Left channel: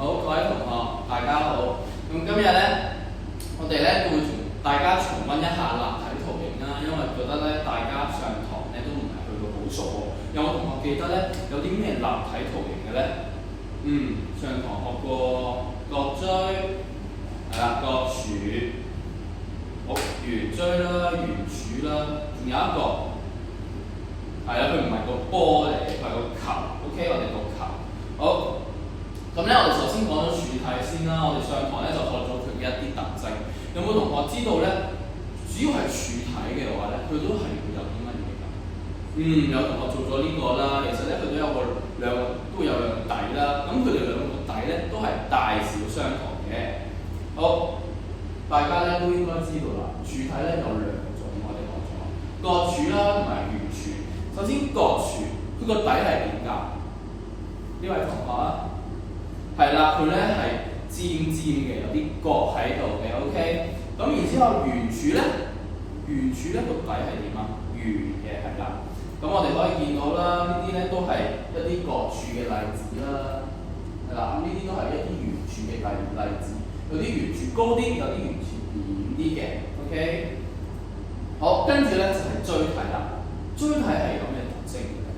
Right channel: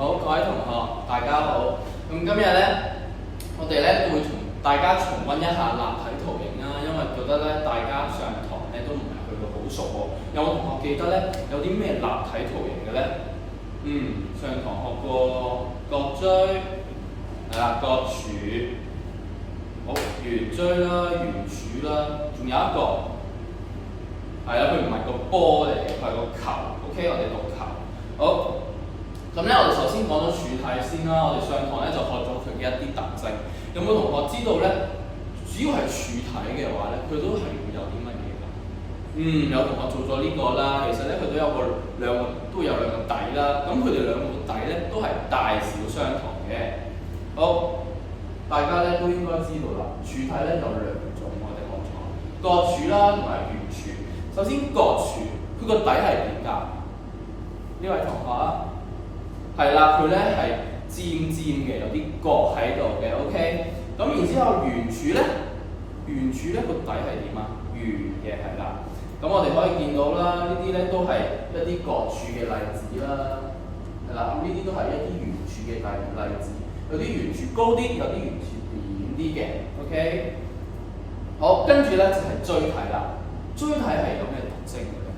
好，各位同學，大家好。咁今日咧，我哋咧都會同大家重溫一下立體圖形啦，因為覺得咧大家上堂咧都唔係去到好熟喎。有冇同學記得咧有啲咩立體圖形嘅咧？上堂學過角錐，係啦，角柱，好，圓錐啦，圓柱啦，仲有一個係啦，佢唔係個波嚟，佢係個球。OK， 我哋讀球。好。咁咧，我哋首先講咗柱體先啦。我哋上堂咧就學咗佢嘅一啲特徵。有冇同學知道咧？主要係柱體嘅話咧，佢都係會有啲乜嘢㗎？有同學做咗呢個啦。其實咧，佢都有兩個底啦。咁佢哋兩個底咧都係大小相同嘅。好，大家咧都應該知道啦。柱體咧有兩種，我哋講咗角柱啦同埋圓柱。首先角柱，佢個底係點㗎？呢位同學啊？係啦，佢咧係尖尖嘅，有啲角喺度嘅 ，OK。咁然之後圓柱咧個底係點啊？圓嘅係啦。咁我哋可以見到啦，呢啲咧都係一啲角柱嘅例子啦，係啦。咁呢啲都係一啲圓柱嘅例子，有啲圓柱高啲，有啲圓柱扁啲嘅 ，OK。好，跟住咧就係錐體啦。錐體係有咩特徵嘅咧？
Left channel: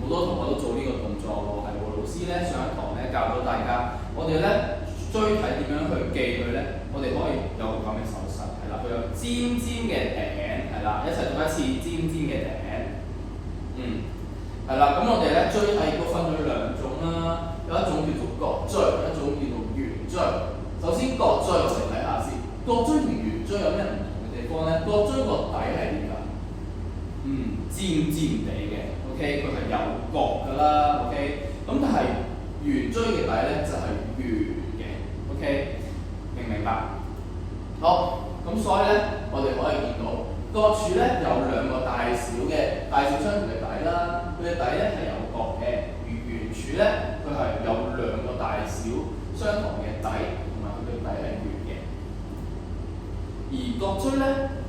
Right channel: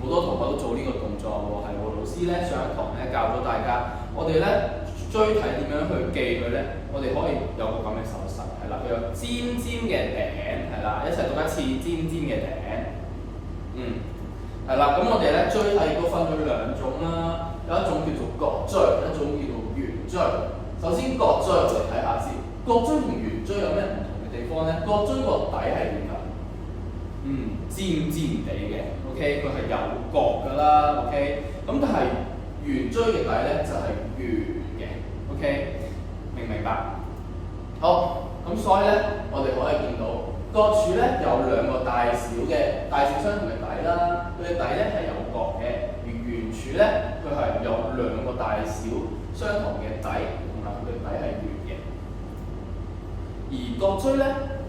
好多同學都做呢個動作喎，係喎。老師咧上一堂咧教咗大家，我哋咧錐體點樣去記佢咧？我哋可以有個咁嘅手勢，係啦，佢有尖尖嘅頂，係啦，一齊讀一次尖尖嘅頂。係啦，咁我哋咧錐體亦都分咗兩種啦，有一種叫做角錐，一種叫做圓錐。首先角錐我哋睇下先，角錐同圓錐有咩唔同嘅地方咧？角錐個底係點㗎？尖尖地嘅 ，OK， 佢係有角㗎啦 ，OK。咁但係圓錐嘅底咧就係圓嘅 ，OK， 明唔明白？好，咁所以咧，我哋可以見到角柱咧有兩個大小相同嘅底啦，佢嘅底咧係有角嘅，圓柱咧佢係有兩個大小相同嘅底，同埋佢嘅底係圓嘅。而角錐咧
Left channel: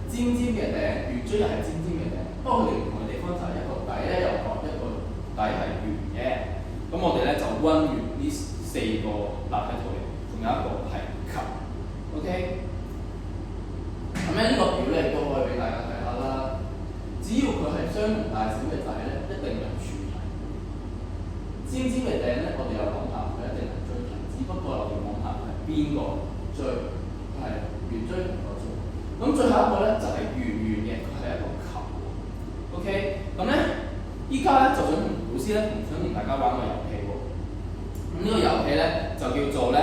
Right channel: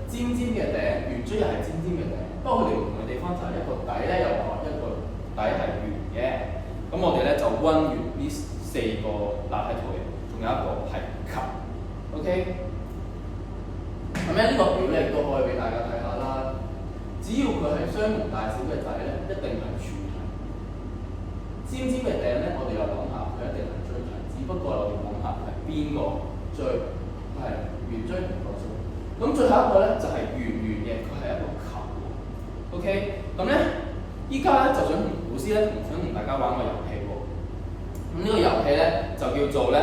尖尖嘅頂，圓錐又係尖尖嘅頂。不過佢哋唔同嘅地方就係一個底咧有角，一個底係圓嘅。咁我哋咧就溫完呢四個立體圖形，仲有一個係球 ，OK。咁咧呢個表咧亦都可以俾大家睇下啦。只要佢係相同大小嘅底咧，一定係柱體。尖尖嘅頂咧，我哋又諗下佢一定係錐體，只不過我哋諗下係邊個錐？佢係圓錐同角錐。咁最後一個咧就係圓嘅，佢係一個球。OK， 咁咧，依家咧就想同老師咧想同大家玩個遊戲喎。咁呢個遊戲咧就叫做咧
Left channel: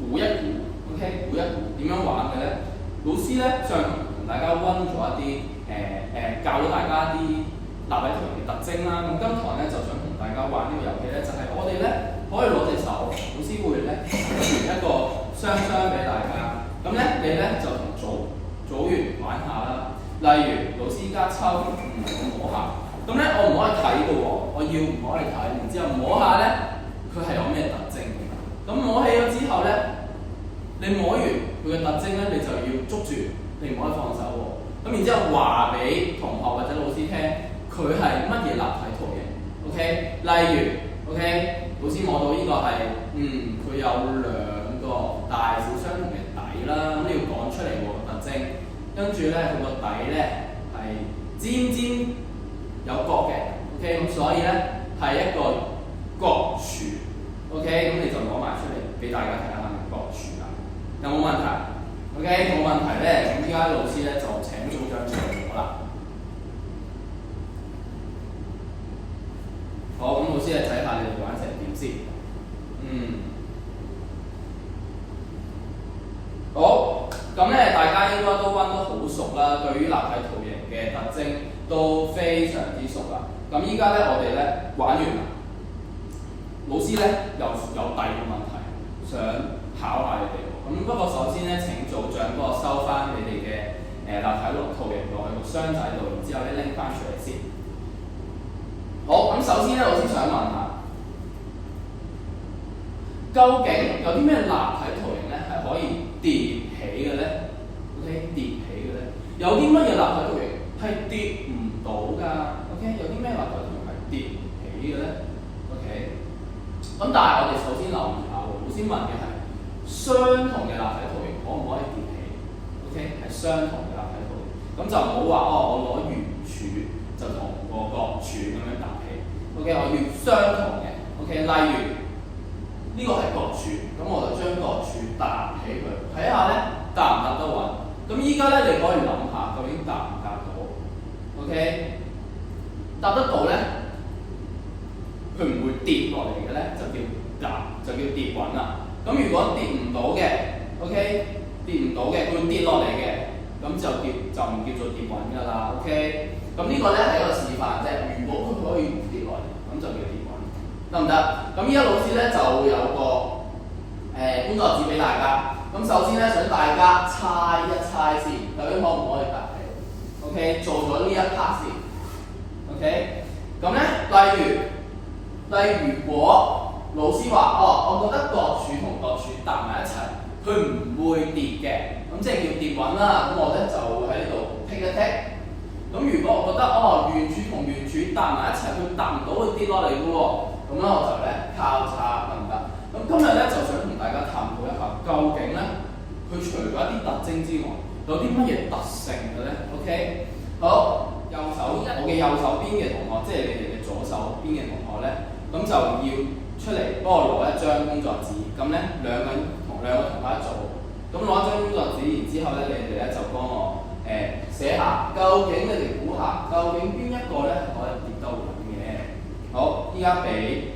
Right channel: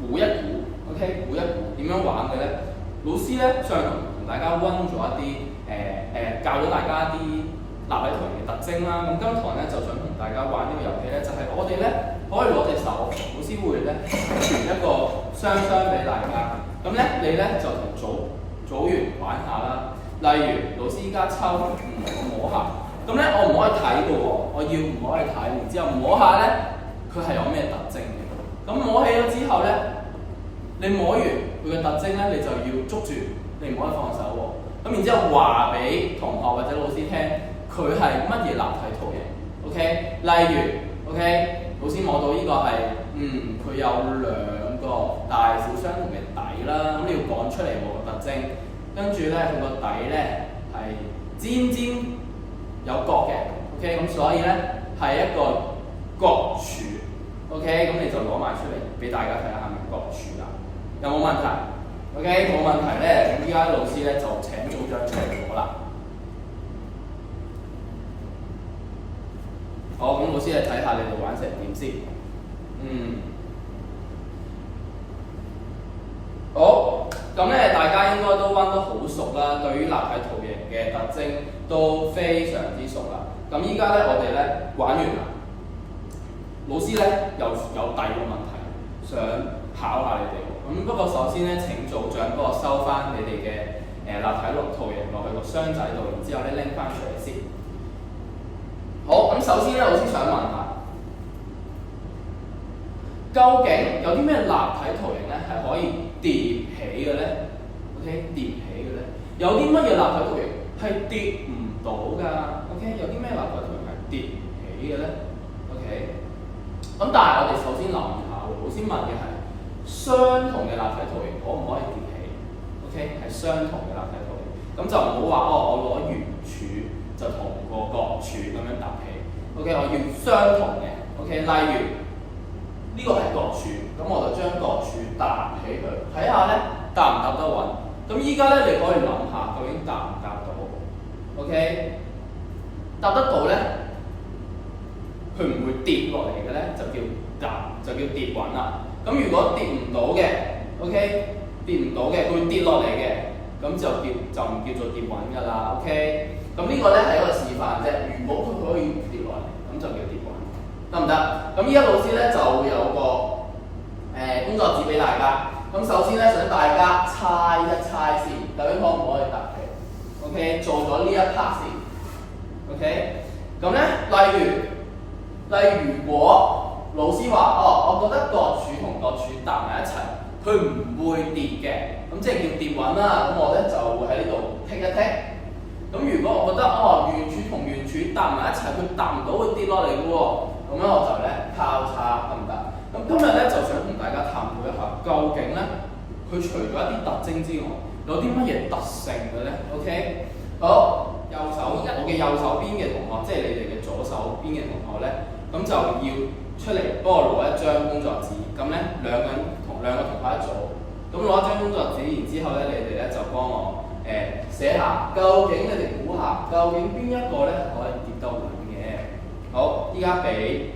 估一估 ，OK， 估一估點樣玩嘅咧？老師咧上堂同大家溫咗一啲教咗大家一啲立體圖形嘅特徵啦。咁今堂咧就想同大家玩呢個遊戲咧，就係我哋咧可以攞隻手，老師會咧傳一個雙俾大家。咁咧你咧就同組員玩下啦。例如老師依家抽，我摸下，咁咧我唔可以睇嘅喎，我要唔可以睇，然之後摸下咧，佢係有咩特徵嘅？咁摸起咗之後咧，你摸完佢嘅特徵咧，你就要捉住，你唔可以放手喎。咁然之後話俾同學或者老師聽，佢係乜嘢立體圖形 ？OK， 例如 OK， 老師摸到呢個係，佢有兩個大小相同嘅底啦，咁你要講出嚟喎個特徵。跟住咧，佢個底咧係尖尖有角嘅 ，OK， 咁所以咧係一個角柱 ，OK， 咁你就攞埋出嚟俾大家睇下係咪角柱啦。有冇問題 ？OK， 冇問題咧，咁依家老師咧就請組長出嚟攞啦。好，咁老師嚟睇下你哋玩成點先。好。咁咧，大家應該都溫得好熟啦，對於立體圖形嘅特徵都非常之熟啦。咁依家咧，我哋咧玩完啦。老師咧又有第二個問題想考下你哋喎。咁不過首先咧，請組長幫我收翻你哋嘅立體圖形落去個箱仔度，然之後咧拎翻出嚟先。好，咁首先咧，老師想問下，究竟有啲咩立體圖形咧係可以疊起嘅咧 ？OK， 疊起嘅咧，有啲乜嘢立體圖形係疊唔到㗎 ？OK， 有啲咩立體圖形係疊唔起嘅咧 ？OK，咁但係我哋首先留意下喎，老師問嘅係相同嘅立體圖形可唔可以疊起 ？OK， 係相同嘅立體圖形，咁就唔好話我攞圓柱就同個角柱咁樣搭起。OK， 我要相同嘅。OK， 例如呢個係角柱，咁我就將角柱搭起佢，睇下咧搭唔搭得穩。咁依家咧你可以諗下，究竟搭唔搭到 ？OK， 搭得到咧，佢唔會跌落嚟嘅咧，就叫搭，就叫跌穩啦。咁如果跌唔到嘅 ，OK， 跌唔到嘅，佢會跌落嚟嘅，咁就唔叫做跌穩㗎啦。OK， 咁呢個咧係一個示範啫。如果佢可以跌落嚟，咁就叫跌穩，得唔得？咁依家老師咧就會有個工作紙俾大家。咁首先咧，想大家猜一猜先，究竟可唔可以搭起 ？OK， 做咗呢一 part 先。OK， 咁咧，如果老師話我覺得角柱同角柱搭埋一齊，佢唔會跌嘅，咁即係叫跌穩啦。咁我咧就會喺呢度剔一剔。咁如果我覺得圓柱同圓柱搭埋一齊，佢搭唔到會跌落嚟嘅喎，咁咧我就咧交叉得唔得？咁今日咧就想同大家探討一下，究竟咧佢除咗一啲特徵之外，有啲乜嘢特性嘅咧 ？OK， 好，我嘅右手邊嘅同學，即係你哋嘅左手邊嘅同學咧，咁就要出嚟幫我攞一張工作紙，咁咧兩個同學一組，咁攞一張工作紙，然之後咧你哋咧就幫我寫下，究竟你哋估下，究竟邊一個咧可以跌得穩嘅？好，依家俾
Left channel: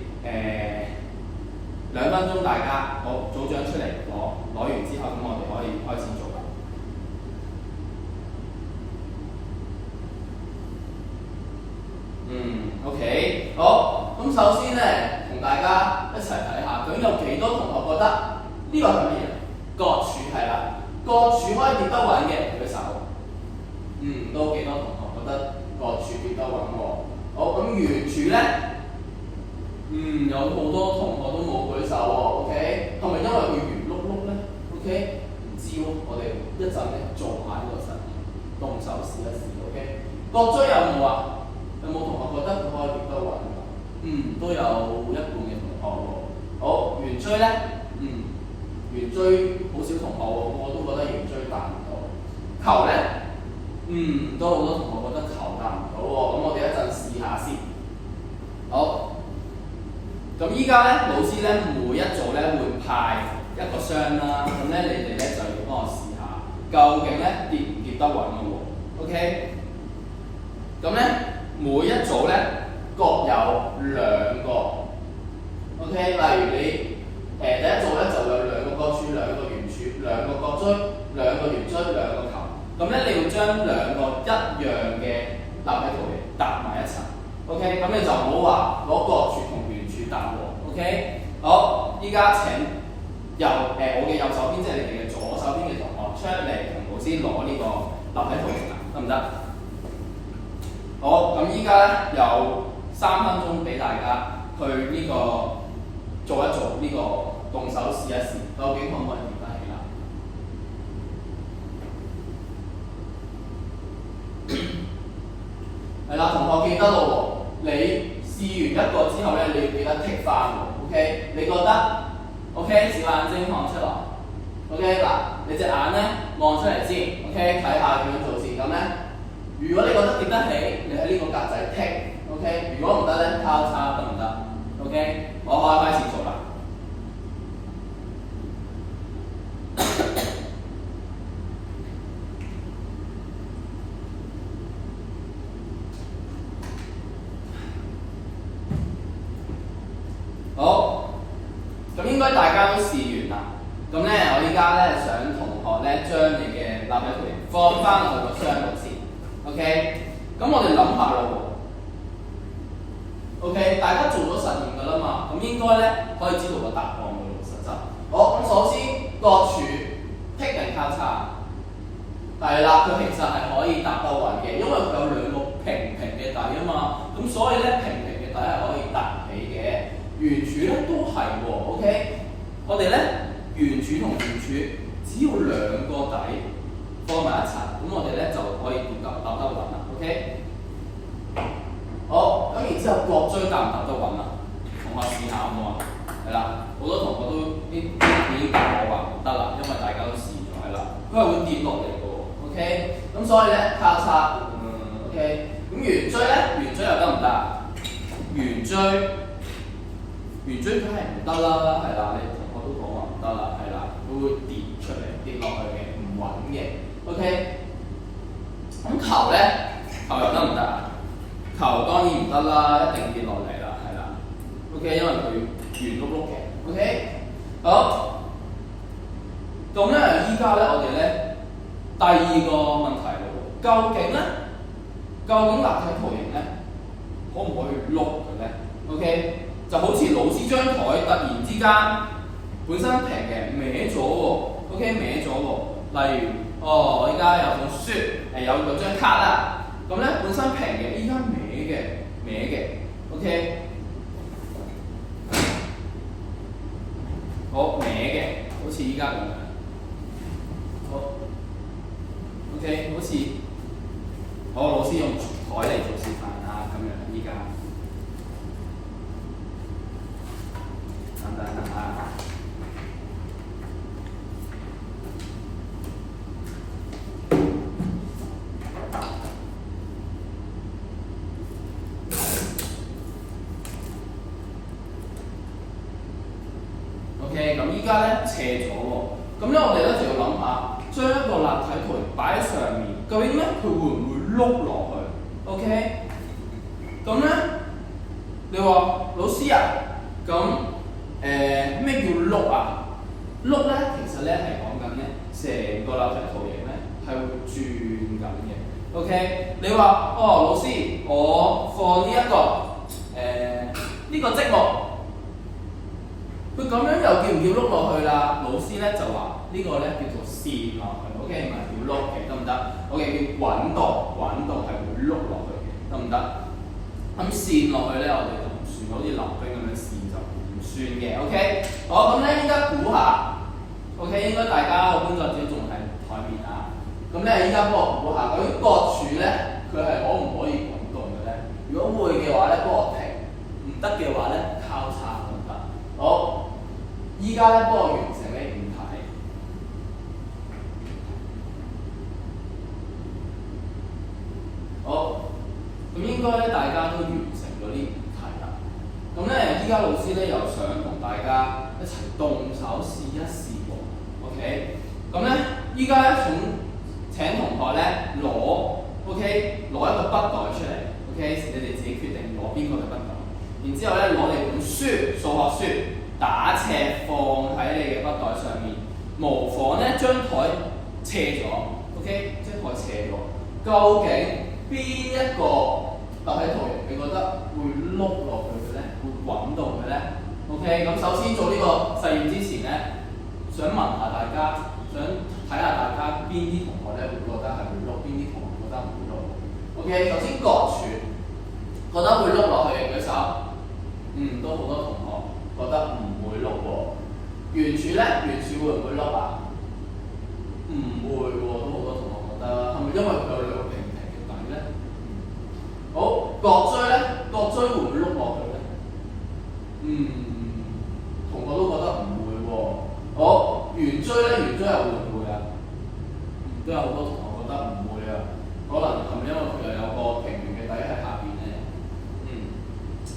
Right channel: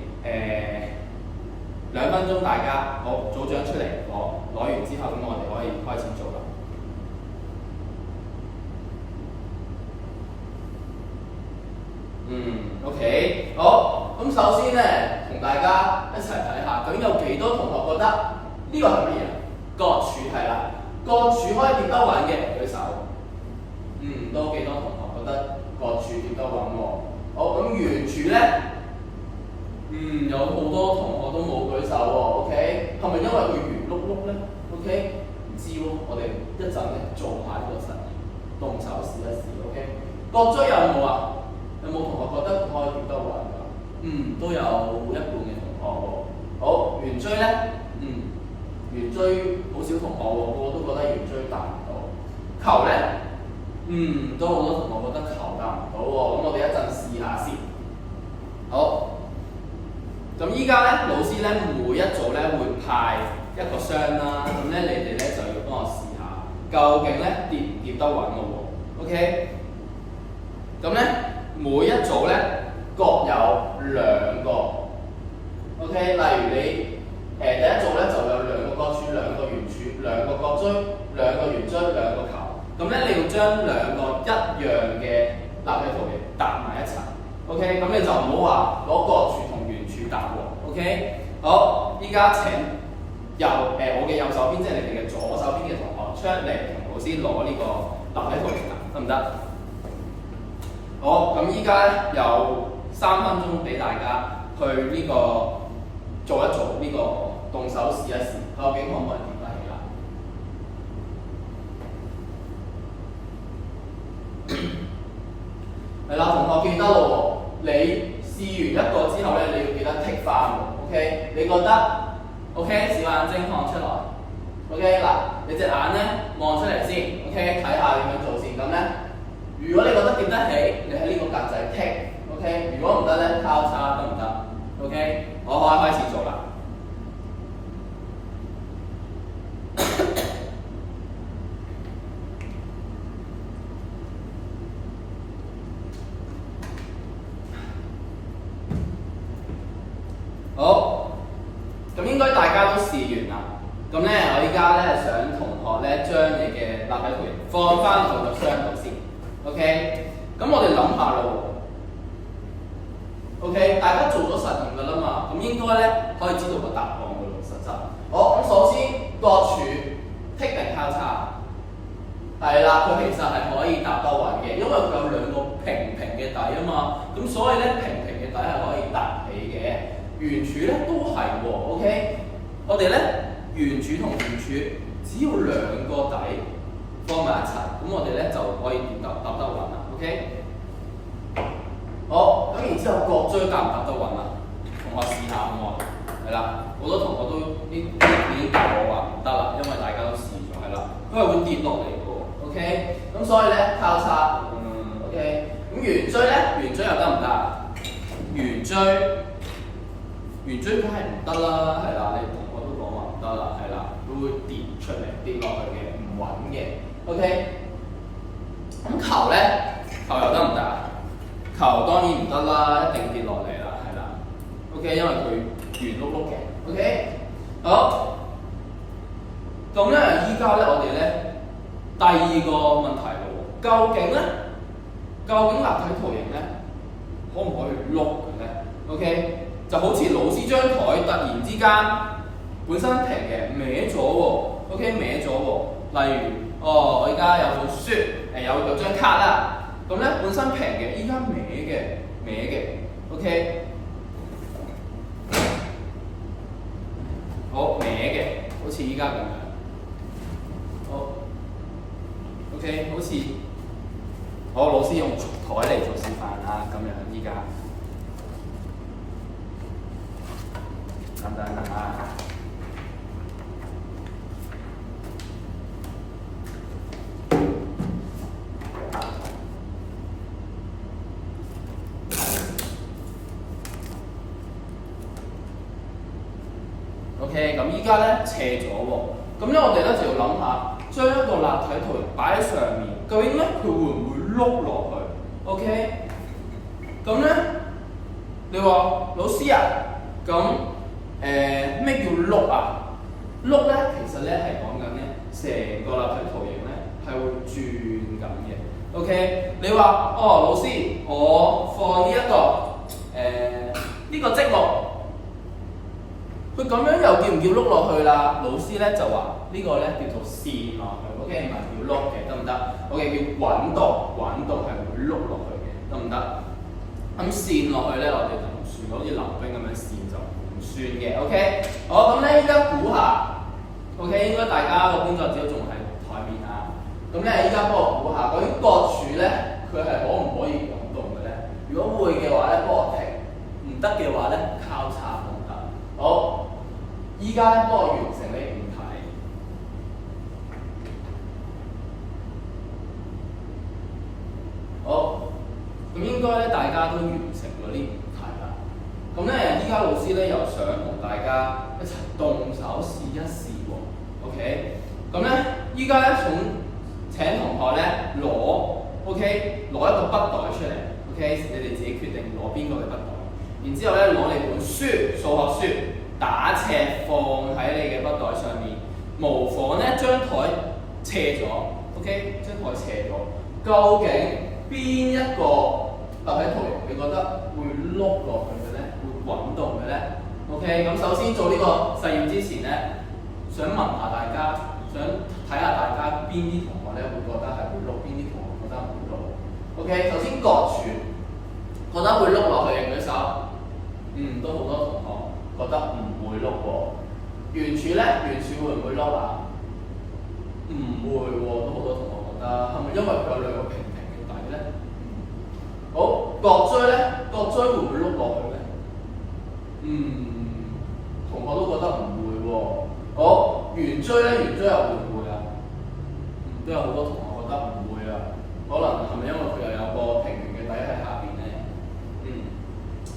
2分鐘大家，好，組長出嚟攞完之後，咁我哋可以開始做啦。OK， 好，咁首先咧，同大家一齊睇下，究竟有幾多同學覺得呢個係乜嘢？角柱係啦，角柱可以跌得穩嘅，舉手。都幾多同學覺得角柱跌得穩喎？好，咁圓柱咧？有好多同學都冇舉手喎。OK， 係咪因為佢圓碌碌咧 ？OK， 唔知喎，我哋一陣咧做下呢個實驗，動手試一試。OK， 角錐有冇啊？有冇同學覺得佢可以跌得穩㗎？都有一半嘅同學喎。好，圓錐咧？圓錐好少同學喎，個個都覺得圓錐達唔到。球咧？都好多同學覺得球達唔到喎。咁我哋一陣試下先。好。咁依家咧，老師咧每一組咧會派一個箱啦，咁咧你哋咧就要幫我試下，究竟咧跌唔跌得穩嘅喎 ？OK， 咁咧每一組咧各有2個 ，OK， 例如你第一組咧就有2個角柱、2個圓柱、2個角錐、2個圓錐、2個球，咁咧你要將2個一樣嘅立體圖形搭埋一齊 ，OK， 咁你就唔好話攞角柱同圓柱搭喎 ，OK， 好，依家請我嘅右手邊，即係你哋嘅左手邊嘅同學出嚟同老師攞呢個立體圖形啦，得唔得？好，咁依家咧有3分鐘俾大家去呢個做一做呢個動手試一試，究竟可唔可以跌得起啦？係啦，同學記得咯喎，你試完一個之後咧，你要記得剔翻喎 ，OK？ 你覺得 OK？ 小眼睛看出來 ，OK？ 嗱，你隻眼咧望出嚟先 ，OK？ 睇下點樣做先，咁咧，如果你覺得跌得起，你喺呢個格仔剔 ，OK？ 如果唔得咧，交叉得唔得 ？OK？ 我可以開始做啦。好，咁應該大家都試完啦。咁咧，我依家咧想同學咧將你嘅立體圖形放翻落去個箱度先。OK， 咁我哋諗下咯喎。OK， 大家做咗實驗㗎啦嘛，咁應該咧可以知道個答案㗎咯，實質。好，咁首先角柱剔定交叉，係啦，佢其實係可以搭得穩嘅，因為佢有2個平嘅底啊嘛，咁所以咧平嘅底係可以搭起嘅。圓柱咧都係喎 ，OK， 我哋咧圓柱同圓柱只要2個底放埋一齊，咁我哋咧就可以搭得穩啦 ，OK。好，咁然之後角錐搭唔搭得穩啊？同學試下好唔好啊係啦，好多同學都已經答我話唔得啦，因為大家都試咗係啦，佢係會跌落嚟嘅喎。OK， 咁所以咧交叉OK， 咁圓錐咧，圓錐又得唔得啊？圓錐梗係唔得啦，係啦，你同學都講話唔得啦，係啦，佢會跌出嚟跌落去嘅，唔穩嘅。OK， 咁球咧，球又得唔得啊？球當然唔得啦，一定跌落嚟啦，係啦。OK， 因為佢圓碌碌嘅。OK， 好。咁咧，依家咧我哋咧第二個問題咯，究竟立體圖形咧可唔可以碌嘅咧 ？OK， 就好似老師張台突然之間本身平嘅歪咗喎 ，OK 歪咗喎。例如，我依家有本書，有張卡啦，咁咧本身平嘅，依家歪嘅 ，OK， 好歪嘅，好似依家咁樣。好 ，OK， 好似我老師用台嚟做示範啊，咁樣依家等等啊。OK， 咁依家咧斜咗喎，咁咧我哋咧就要諗下，將一個立體圖形擺喺上面，究竟咧佢會唔會碌落去 ？OK， 咁咧你話老師啊，咁咩叫碌啊？碌咧其實咧係講緊咧成個立體圖形咧係會轉緊嘅。OK， 你話老師，我放呢個積木。佢咁樣又叫唔叫碌落去啦？老師咧就話呢個咧叫做線落去 ，OK 唔係叫碌嘅，得唔得 ？OK 叫滾動係會碌落去嘅，得唔得？咁線落去咧，我哋就唔算，好似溜冰咁樣線就唔算嘅 ，OK。好，咁咧依家估下 ，OK 應該大家個工作紙都仲喺台面啊。咁咧依家幫我估下，究竟角柱咧佢係可唔可以滾動嘅咧？如果會嘅話咧，幫我停；唔得嘅話咧，交叉得唔得？好。依家咧幫我完成呢5題。好，咁應該咧大家都完成咗呢5題啦。咁咧依家老師咧又想同大家一齊動手試一試喎。OK， 咁咧依家咧請同學咧攞一個筆袋出嚟。OK， 你哋自己決定攞邊個嘅筆袋。然之後咧攞你本書，數學書。打斜放喺你嘅筆袋上面，模仿咧張台斜咗 ，OK， 張台斜咗。究竟邊一個立體圖形你覺得會碌落去嘅咧？會滾動嘅咧 ？OK， 咁首先做呢個實驗之前咧，想問下大家，想睇下大家邊啲同學咧會覺得係會碌，邊啲同學覺得唔會碌 ？OK， 首先角柱覺得會碌落去嘅舉手，都好多同學。覺得唔會碌喎，圓柱咧，圓柱會唔會碌啊？唔會喎，都好多同學覺得，係咪因為佢有2個平平嘅底咧？好，角錐咧，角錐會唔會碌落去咧？同學都覺得唔會喎。好，圓錐咧，圓錐又會唔會啊？都有好多同學覺得唔會啊，可能係咪因為佢又有個平平嘅底喺下邊咧？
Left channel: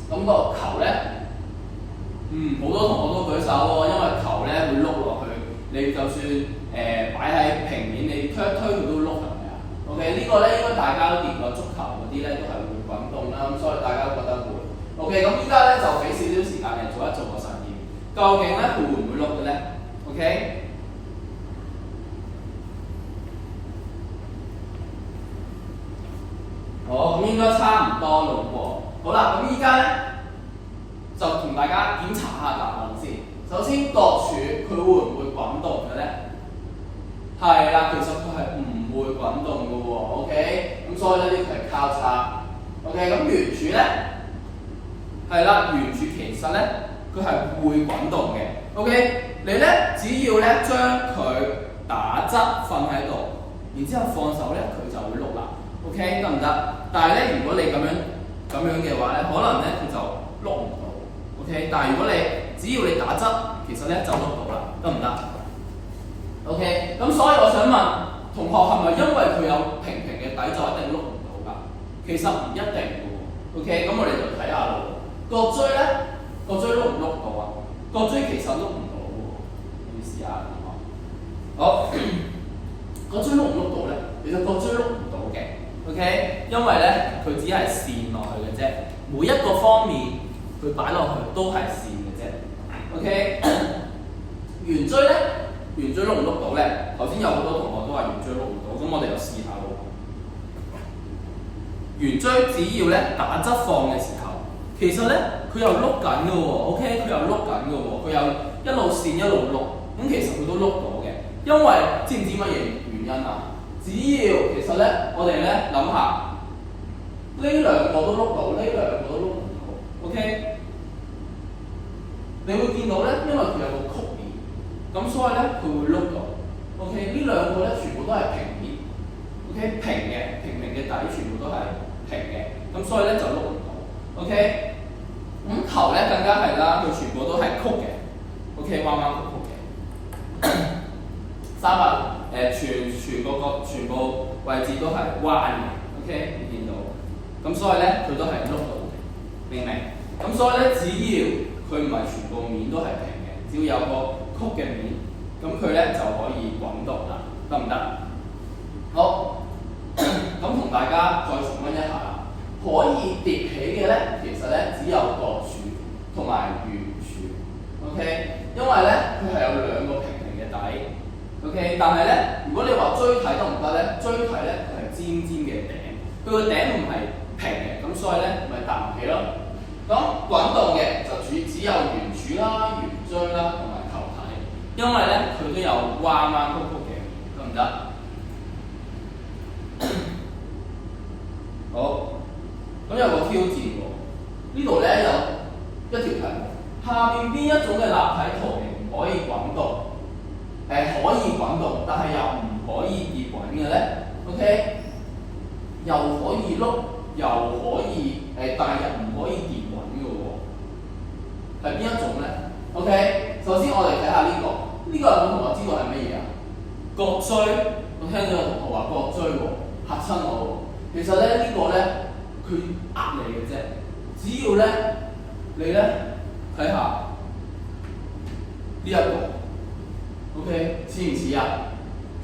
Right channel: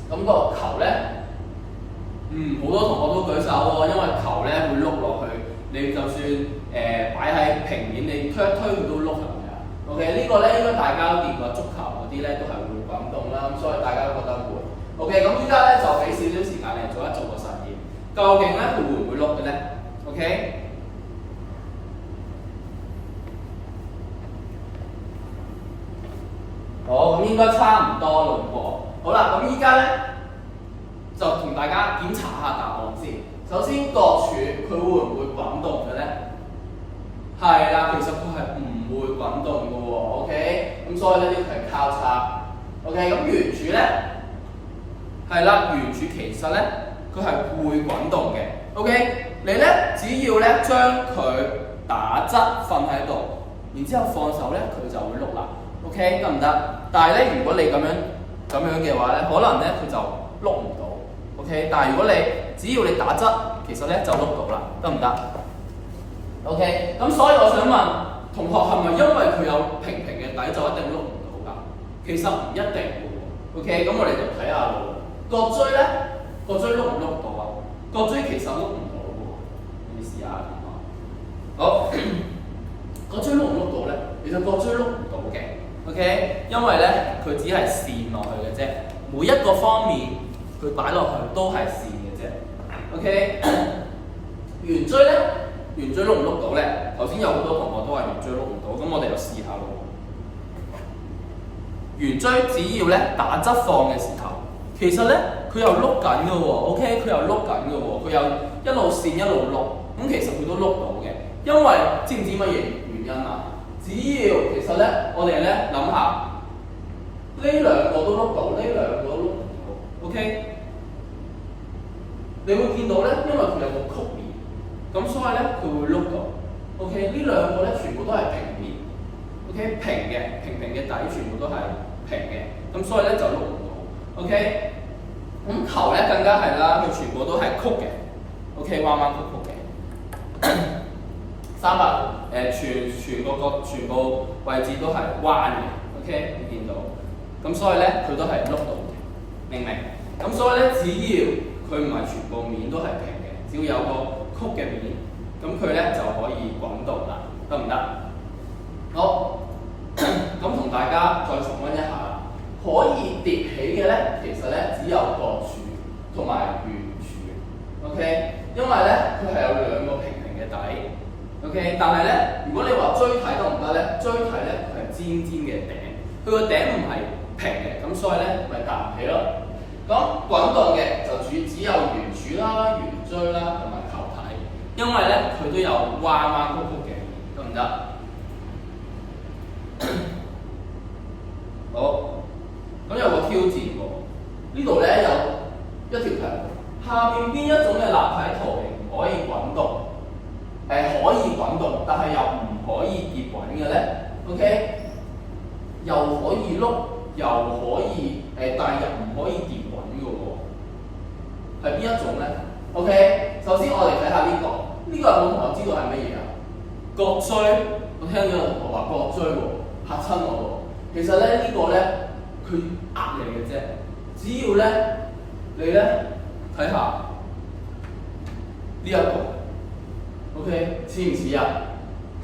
咁個球咧？好多同學都舉手喎，因為球咧會碌落去，你就算擺喺平面，你推一推佢都碌落嚟啊。OK， 呢個咧應該大家都練過足球嗰啲咧，都係會滾動啦，咁所以大家都覺得會。OK， 咁依家咧就俾少少時間你做個實驗，究竟咧佢會唔會碌嘅咧 ？OK， 好，咁應該差唔多咯喎。好啦，咁依家咧。就同大家檢查下答案先。首先，角柱佢會唔會滾動嘅咧？係啦，其實佢係唔會滾動嘅喎。OK， 咁所以咧呢個係交叉。OK， 咁圓柱咧係啦，圓柱其實咧佢係會滾動嘅。OK， 你咧只要咧將佢打側瞓喺度，然之後放手咧佢就會碌啦。OK， 得唔得？但係咧如果你咁樣嘅話咧，可能咧佢就碌唔到。OK， OK， 但係如果你只要你打側，其實咧就碌到啦，得唔得 ？OK， 咁所以我想問同學係咪因為佢有平平嘅底就一定碌唔到㗎？其實唔一定嘅喎。OK， 咁我哋就睇下咯。角錐咧，角錐碌唔碌到啊？角錐其實碌唔到嘅喎。你試下同學。好，角錐碌唔碌到咧？其實角錐碌唔到嘅。OK， 因為咧佢只係線落去嘅啫，每一個方面佢擺落去都係線嘅啫。OK， 圓錐咧，圓錐碌唔碌到咧？頭先有好多同學都話圓錐碌唔到，咁我哋就試下咯。圓錐只要咧打側放嘅時候，其實咧佢又碌緊嘅喎。OK， 佢又碌緊嘅喎，佢又一路線一路碌，咁其實佢都碌到嘅。因為知唔知乜嘢原因啊？只要其實咧，我哋咧諗下，呢兩個都碌到，呢兩個都碌唔到。OK， 你會見到咧，因為佢有個曲面，咁所以咧佢會碌到。OK， 呢兩個咧全部都係平面。OK， 平嘅，平平嘅底全部都係平嘅，咁所以咧就碌唔到。OK， 咁球咧更加係啦，佢全部都係曲嘅。OK， 彎彎曲曲嘅。全個角全部位置都係彎嘅 ，OK， 你見到，咁所以咧佢都係碌到嘅，明唔明？咁所以咧，只要佢唔係全部面都係平嘅，只要有個曲嘅面，咁佢咧就可以滾動啦，得唔得？好，咁同大家再重溫一下啦。可以疊起嘅咧，其實咧只有角柱同埋圓柱 ，OK， 因為咧佢係有兩個平平嘅底。OK， 但係咧，如果你話錐體得唔得咧？錐體咧佢係尖尖嘅頂，佢個頂唔係平嘅，咁所以咧咪搭唔起咯。咁滾動嘅就只有圓柱啦、圓錐啦同埋球體，因為咧佢都有彎彎曲曲嘅，得唔得？好，咁有個挑戰喎，呢度咧有一條題目，下邊邊一種嘅立體圖形唔可以滾動？可以滾動，但係又唔可以跌滾嘅咧 ，OK？ 又可以碌，又可以但係又唔可以跌滾嘅喎，係邊一種咧 ？OK？ 首先我哋睇下呢個，有冇同學知道係乜嘢啊？角錐，我聽到有同學話角錐喎，嚇親我喎。其實咧呢個咧，佢呃你嘅啫，只要咧你咧睇下呢一個。OK， 似唔似啊？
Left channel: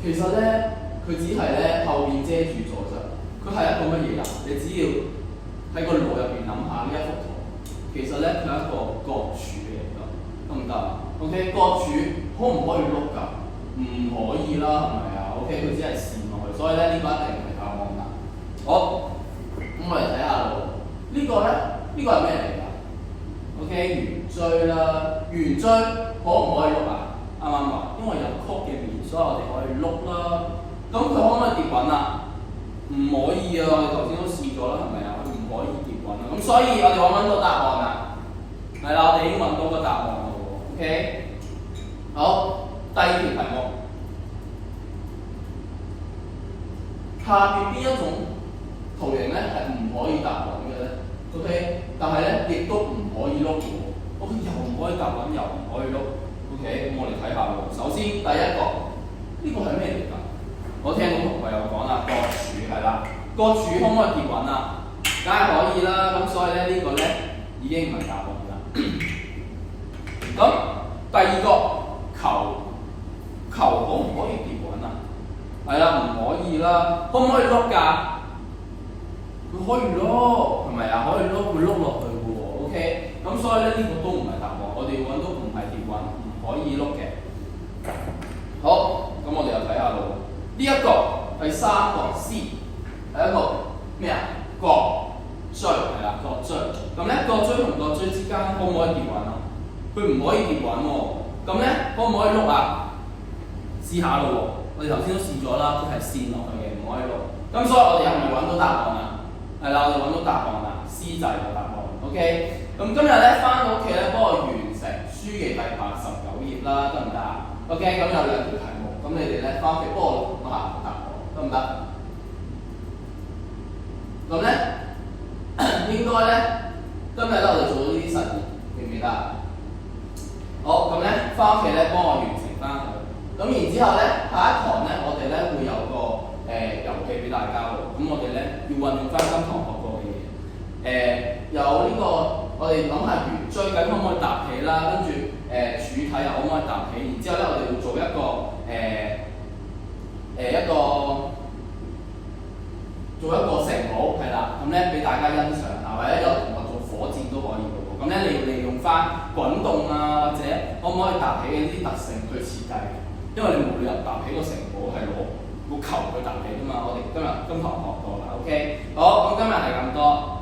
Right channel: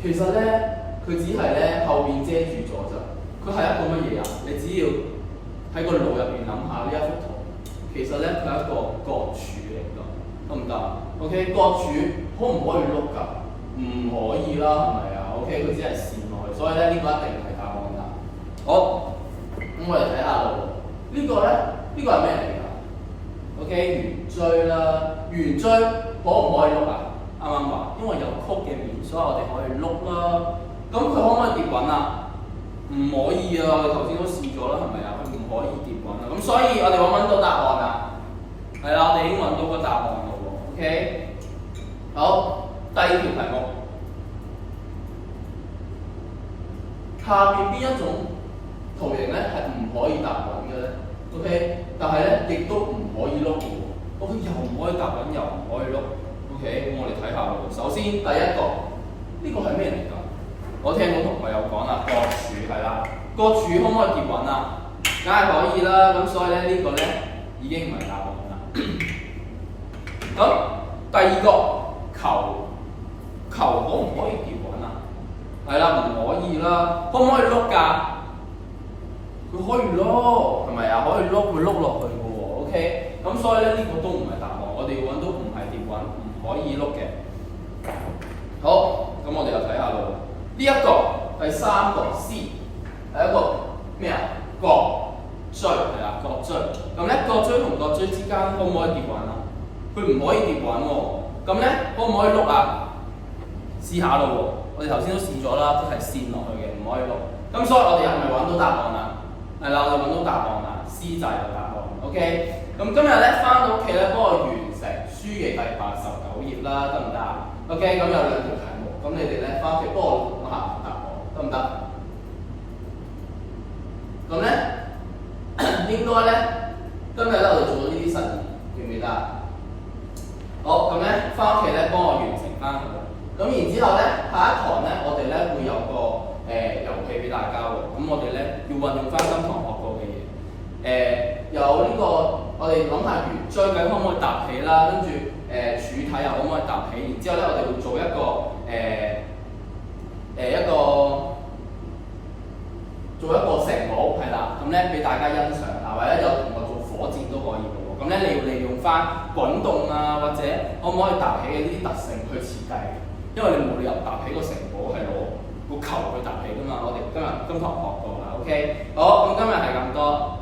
其實咧，佢只係咧後面遮住咗咋。佢係一個乜嘢啊？你只要喺個腦入邊諗下呢一幅圖，其實咧佢係一個角柱嚟㗎，得唔得 ？OK， 角柱可唔可以碌㗎？唔可以啦，係咪啊 ？OK， 佢只係線落去，所以咧呢個一定係答案㗎。好，咁我哋睇下咯。呢個咧，呢個係咩嚟㗎 ？OK， 圓錐啦，圓錐可唔可以碌啊？啱啱話，因為有曲嘅面，所以我哋可以碌啦。咁佢可唔可以跌滾啊？唔可以啊！我哋頭先都試咗啦，係咪啊？佢唔可以跌滾啊。咁所以我哋揾到答案啦。係啦，我哋已經揾到個答案啦喎。OK， 好，第二條題目，下邊邊一種圖形咧係唔可以踏滾嘅咧 ？OK， 但係咧亦都唔可以碌嘅喎。OK， 又唔可以踏滾，又唔可以碌。OK， 咁我哋睇下咯。首先第一個，呢個係咩嚟㗎？我聽到同學有講啦，角柱係啦，角柱可唔可以跌滾啊？梗係可以啦。咁所以咧呢個咧已經唔係答案啦。咁第二個球可唔可以跌滾啊？係啦，唔可以啦。可唔可以碌㗎？佢可以碌，係咪啊？可以碌，會碌落去嘅喎。OK， 咁所以咧呢個都唔係答案。我哋要揾到唔係跌滾。可以碌嘅，好，咁我哋又睇下咯。呢一個第三個 C 係一個咩啊？角錐係啦，角錐。咁咧角錐同角錐之間可唔可以跌滾啊？佢唔可以跌滾喎。咁咧可唔可以碌啊？試下咯喎，我哋頭先都試咗啦，佢係線落去嘅，唔可以碌。咁所以我哋係咪揾到答案啊？係啦，我哋揾到答案啦 ，C 就係個答案。OK， 咁今日咧翻到屋企咧，幫我完成書嘅第89頁啦，得唔得啊 ？OK， 咁有兩條題目，咁你哋咧翻屋企幫我諗下答案，得唔得？咁咧應該咧今日咧我哋做到呢啲實驗，記唔記得？啦。好，咁咧翻屋企咧幫我完成翻佢。咁然之後咧，下一堂咧我哋咧會有個遊戲俾大家喎。咁我哋咧要運用翻今堂學過嘅嘢。有呢個我哋諗下圓錐計可唔可以搭起啦，跟住柱體又可唔可以搭起？然之後咧我哋會做一個城堡係啦，咁咧俾大家欣賞下，或者有同學做火箭都可以嘅喎。咁咧你要利用翻滾動啊，或者可唔可以搭起嘅呢啲特性去設計嘅，因為你冇理由搭起個城堡係攞個球去搭起㗎嘛。我哋今堂學過啦 ，OK， 好，咁今日係咁多。